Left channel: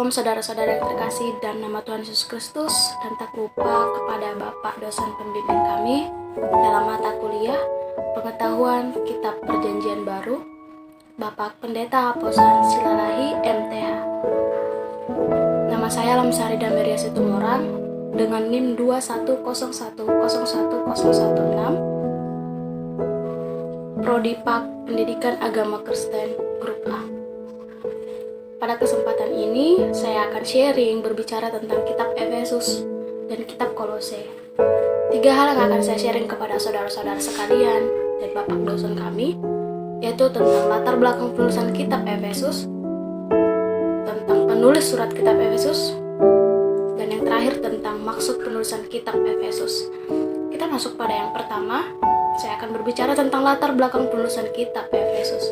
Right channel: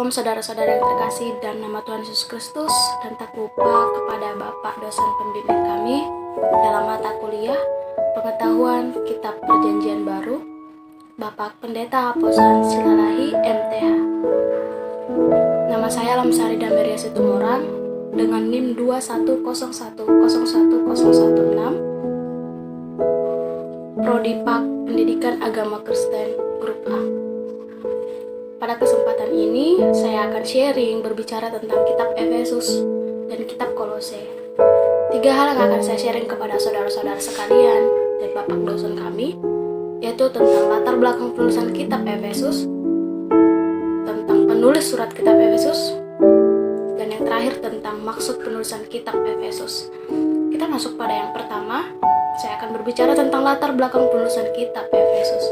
Shalom saudara-saudara yang terkasih dan nama Tuhan Yesus Kristus, dan tak lupa kepada Bapak dosen pembimbing kami dalam mata kuliah Pengetahuan Kitab Perjanjian Baru, Bapak Pendeta Haposan Silalahi MTH. Nama saya Lamsari Dameria Situmorang dengan NIM 210100116, Prodi Pak Pendidikan Agama Kristen Grup A. Pada kesempatan ini, saya akan sharing berbicara tentang kitab Efesus dan kitab Kolose. 3 hal yang akan saya sharing kepada saudara-saudara sekalian dan Bapak dosen kami, yaitu tentang latar belakang penulisan kitab Efesus, tentang penulis surat kitab Efesus, dan yang terakhir tentang maksud penulisan kitab Efesus. Kita masuk pada yang pertama, saya akan berbicara tentang latar belakang penulisan kitab Efesus.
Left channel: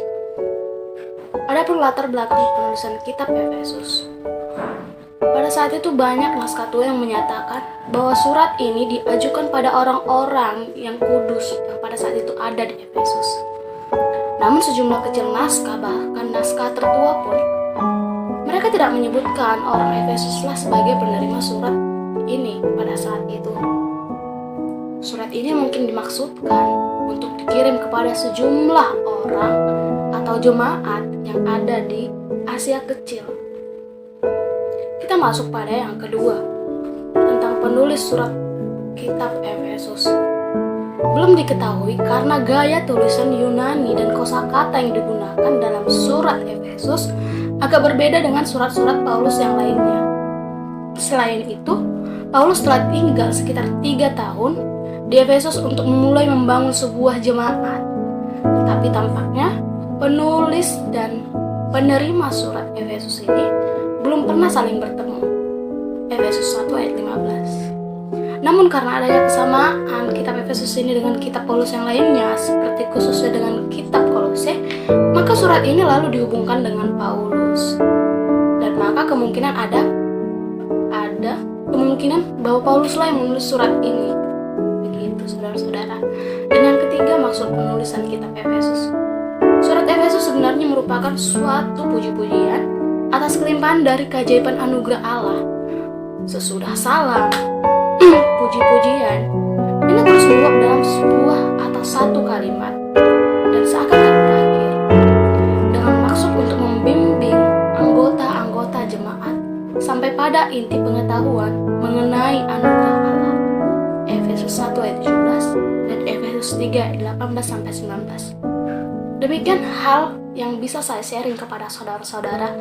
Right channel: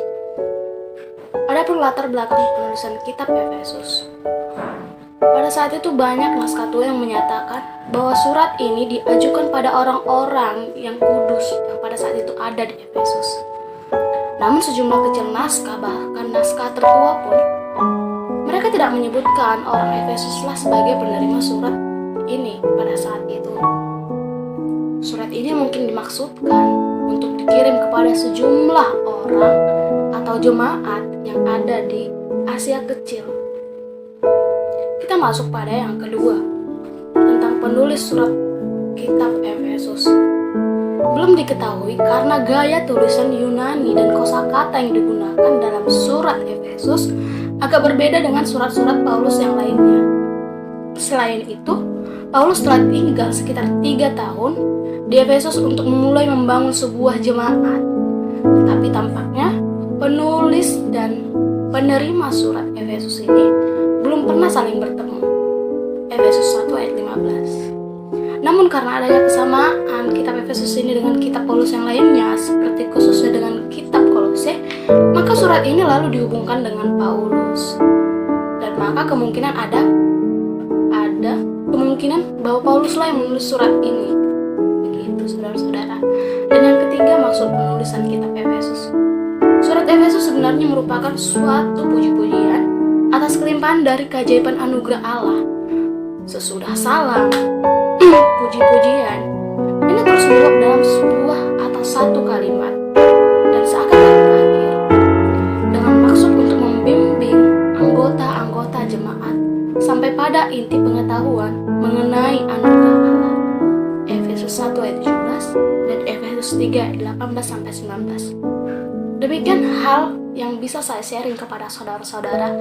Adapun latar belakang penulisan kitab Efesus, pada saat itu banyak naskah tua yang menyatakan bahwa surat ini diajukan pada orang-orang yang kudus yang pada saat itu ada di Efesus. Namun sejumlah kecil naskah, bahkan naskah tertua pun, mereka tidak menyebutkan orang Efesuslah sebagai penerima surat ini pada saat itu. Surat ini mungkin dimaksudkan untuk dikirim kepada sejumlah orang atau jemaat yang ada di Asia Kecil. Kita masuk pada yang kedua, tentang penulis surat kitab Efesus. Belum diketahui karena gaya tulisan Yunani dan kosakata yang digunakan dalam surat Efesus agak berbeda dengan surat-surat Paulus yang lainnya. Selain itu, Paulus telah tinggal sekitar 3 tahun di Efesus untuk memulai membangun sebuah jemaat. Tetapi tampaknya penulis dan penerima surat Efesus ini belum pernah saling bertemu. Efesus 1 ayat 15. Namun karena adanya kesamaan kitab Efesus ini dengan kitab Paulus yang lainnya, seperti khususnya dengan kitab Kolose, maka surat ini lalu dihubungkan dengan Paulus. Dan maka kemungkinan ada kemungkinan bahwa Pauluslah yang menulis surat ini. Begitu saudara-saudara. Dan yang ketiga, maksud penulisan kitab Efesus. Surat Efesus sebenarnya merupakan suatu puji-pujian atas kelimpahan dari keajaiban anugerah Allah. Sesudah salam, puji-pujian ini terus meluap dalam sebuah atau satu kalimat dan seakan tak berakhir, dengan maksud untuk membimbing anggota-anggota jemaat sampai pada inti pengetahuan mengenai anugerah Allah. Efesus 1 ayat 17 dan Efesus 3 ayat 18-19. Demikian hal yang bisa saya sharing kepada saudara-saudara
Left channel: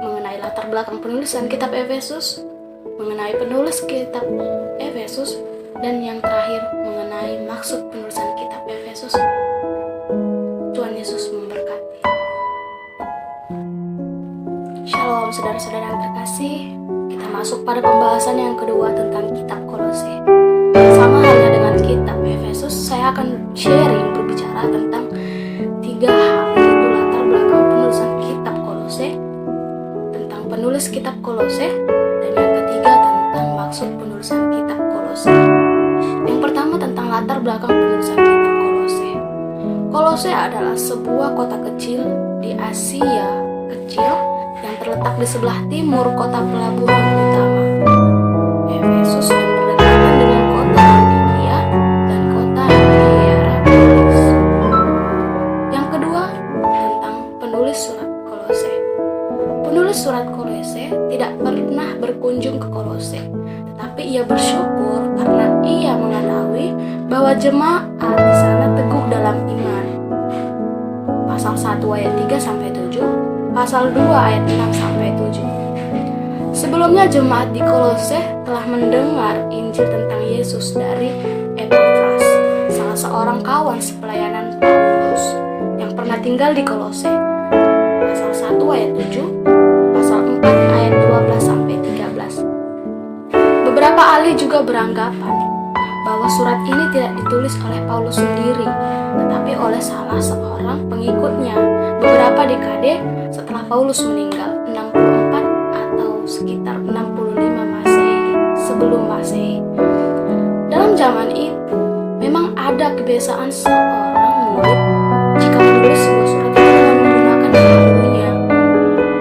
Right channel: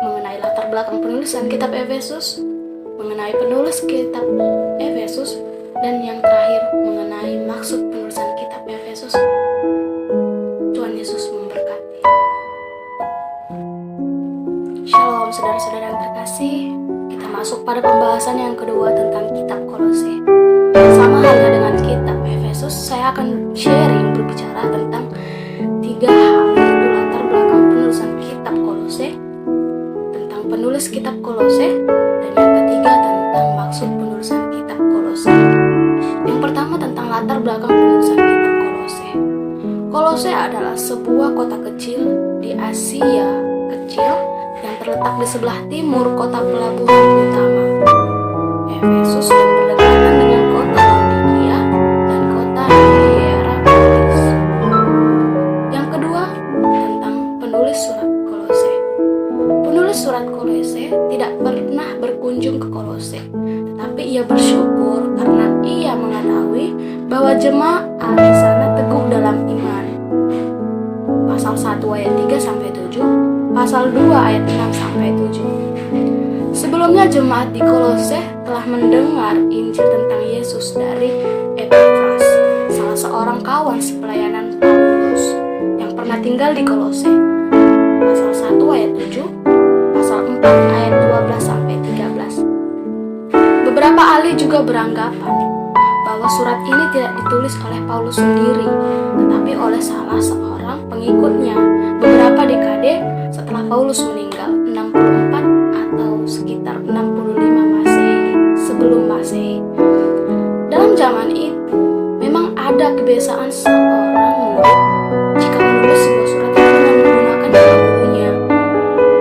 mengenai latar belakang penulisan kitab Efesus, mengenai penulis kitab Efesus, dan yang terakhir mengenai maksud penulisan kitab Efesus. Tuhan Yesus memberkati. Shalom saudara-saudara yang terkasih. Kita masuk pada pembahasan yang kedua tentang kitab Kolose. Sama halnya dengan kitab Efesus, saya akan sharing berbicara tentang 3 hal, yaitu latar belakang penulisan kitab Kolose, tentang penulis kitab Kolose, dan yang ketiga tentang maksud penulisan kitab Kolose. Yang pertama tentang latar belakang penulisan kitab Kolose. Kolose adalah sebuah kota kecil di Asia Kecil yang terletak di sebelah timur kota pelabuhan utama Efesus dan berdekatan dengan kota Laodikia dan kota Hierapolis. Yang kedua, tentang penulis surat Kolose. Penulis surat Kolose tidak pernah berkunjung ke Kolose, tetapi ia bersyukur karena ia mengetahui bahwa jemaat di sana teguh dalam iman. Pasal 1 ayat 3-7, pasal 2 ayat 6-7. Sebelumnya jemaat di Kolose telah mendengar Injil tentang Yesus dari Epafras, salah seorang kawan sepelayanan Paulus yang pernah tinggal di Kolose. Pasal 1 ayat 7, pasal 4 ayat 12-13. Beberapa ahli juga beranggapan bahwa surat ini tidak ditulis oleh Paulus sendiri, tetapi oleh salah seorang pengikutnya beberapa dekade setelah Paulus meninggal, 64 sekitar 65 Masehi, sebelum Masehi. Dalam zaman itu, memang ada kebiasaan seorang murid jika menulis sebuah surat itu dengan menggunakan nama gurunya.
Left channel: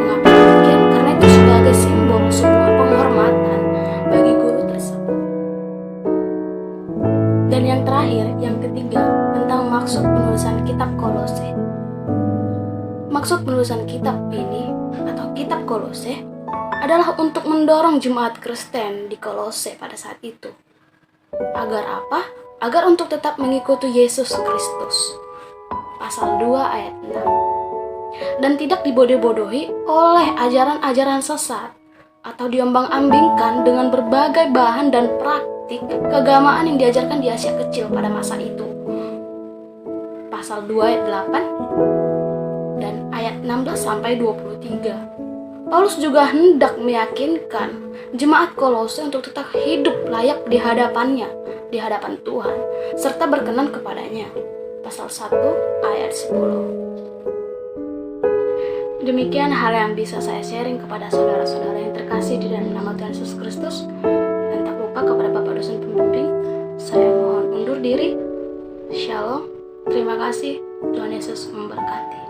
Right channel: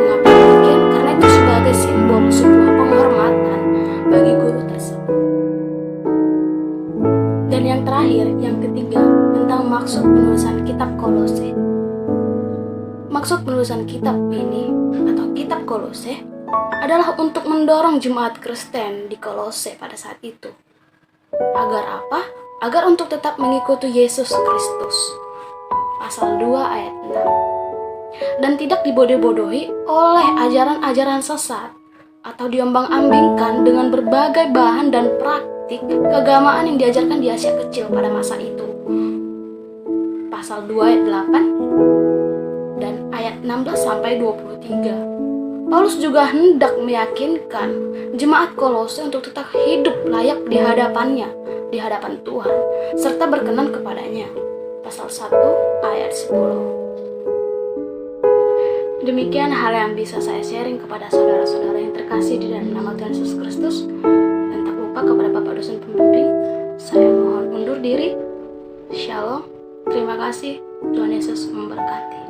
Mengapa demikian? Karena itu penghormatan bagi guru tersebut. Dan yang terakhir, yang ketiga, tentang maksud penulisan kitab Kolose. Maksud penulisan kitab ini atau kitab Kolose adalah untuk mendorong jemaat Kristen di Kolose pada saat itu. Agar apa? Agar untuk tetap mengikuti Yesus Kristus. Pasal 2 ayat 6. Dan tidak dibodoh-bodohi oleh ajaran-ajaran sesat atau diombang-ambingkan dengan berbagai bahan dan praktik keagamaan yang diajarkan di Asia Kecil pada masa itu. Pasal 2 ayat 8 dan ayat 16 sampai 23. Paulus juga hendak meyakinkan jemaat Kolose untuk tetap hidup layak di hadapannya, di hadapan Tuhan, serta berkenan kepadanya. Pasal 1 ayat 10. Demikian hal yang bisa saya sharing kepada saudara-saudara yang terkasih di dalam nama Tuhan Yesus Kristus. Dan tak lupa kepada Bapak dosen pembimbing, saya mohon undur diri. Shalom, terima kasih, Tuhan Yesus memberkati.